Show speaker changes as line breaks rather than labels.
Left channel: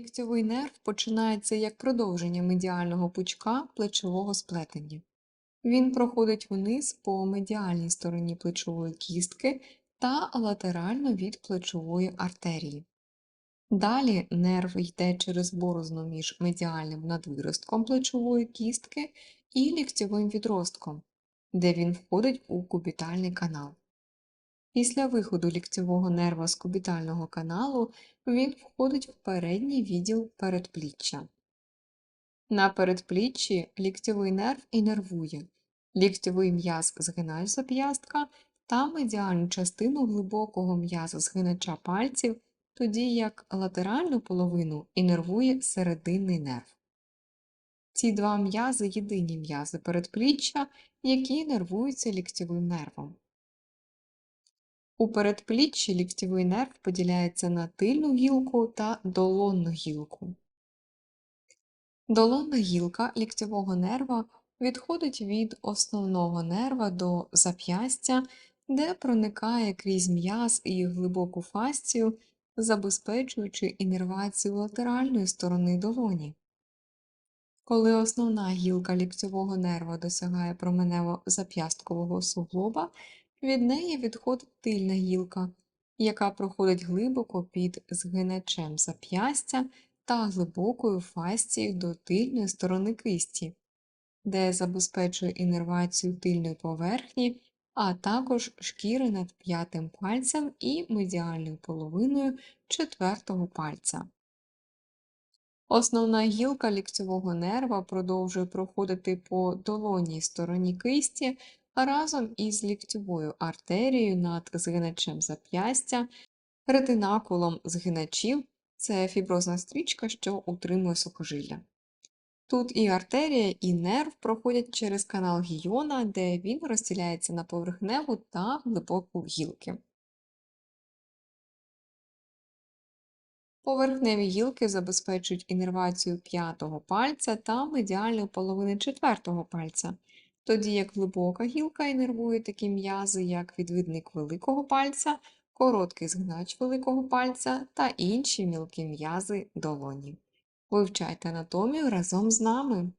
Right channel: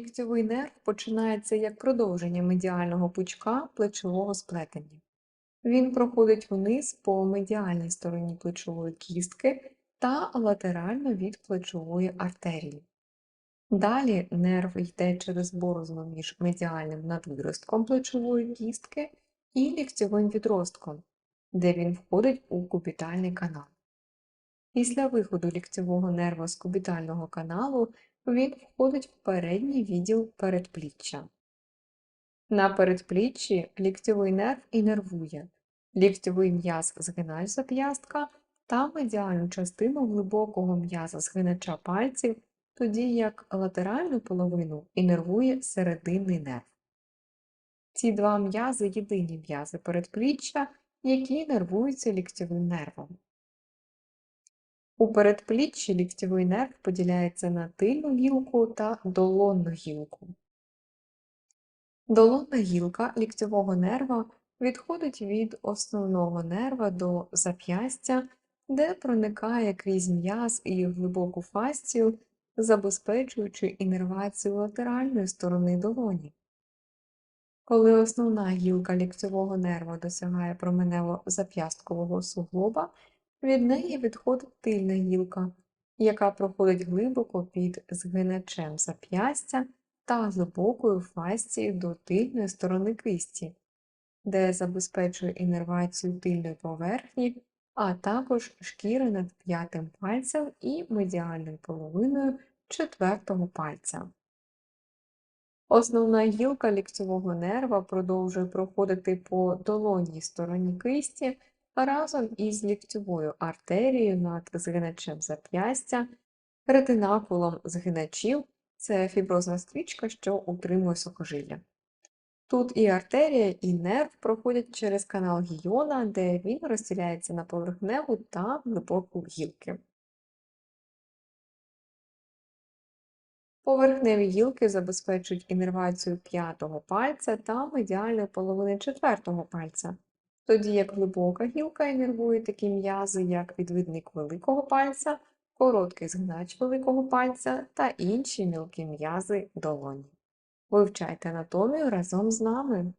Ліктьовий нерв починається як продовження медіального пучка плечового сплетення. Він проходить вниз по медіальній стороні плечової кістки та латерально від плечової артерії. Далі нерв йде через борозну між медіальним надвиростком плечової кістки і ліктьовим відростком, де він входить у кубітальний канал. Після виходу ліктьового нерва з кубітального каналу він входить в передній відділ передпліччя. На передпліччі ліктьовий нерв інервує ліктьовий м'яз згинач зап'ястка та медіальну частину глибокого м'яза згинача пальців, тоді як латеральну половину інервує серединний нерв. Ці два м'язи єдині м'язи передпліччя, які нервуються ліктьовим нервом. У передпліччі ліктьовий нерв поділяється на тильну гілку та долонну гілку. Долонна гілка ліктьового нерва відходить від основного нерва до зап'ястя, де проникає крізь м'яз і глибоку фасцію, забезпечуючи інервацію латеральної сторони долоні. Коли основна гілка ліктьового нерва досягає променево-зап'ясткового суглоба, від неї відходить тильна гілка, яка проходить глибоко під згиначем зап'ястя та глибокою фасцією до тильної сторони кисті, де забезпечує інервацію тильної поверхні, а також шкіри над п'ятим пальцем і медіальною половиною четвертого пальця. Основна гілка ліктьового нерва продовжує проходити по долонній стороні кисті разом із ліктьовою артерією над згиначем зап'ястя, ретинакулом згиначів це фіброзна стрічка, що утримує сухожилля. Тут і артерія, і нерв проходять через канал гіона, де він розділяється на поверхневу та глибоку гілки. Поверхневі гілки забезпечують інервацію п'ятого пальця та медіальної половини четвертого пальця, тоді як глибока гілка інервує такі м'язи, як відвідник великого пальця, короткий згнач великого пальця та інші мілкі м'язи долоні. Вивчайте анатомію разом з нами!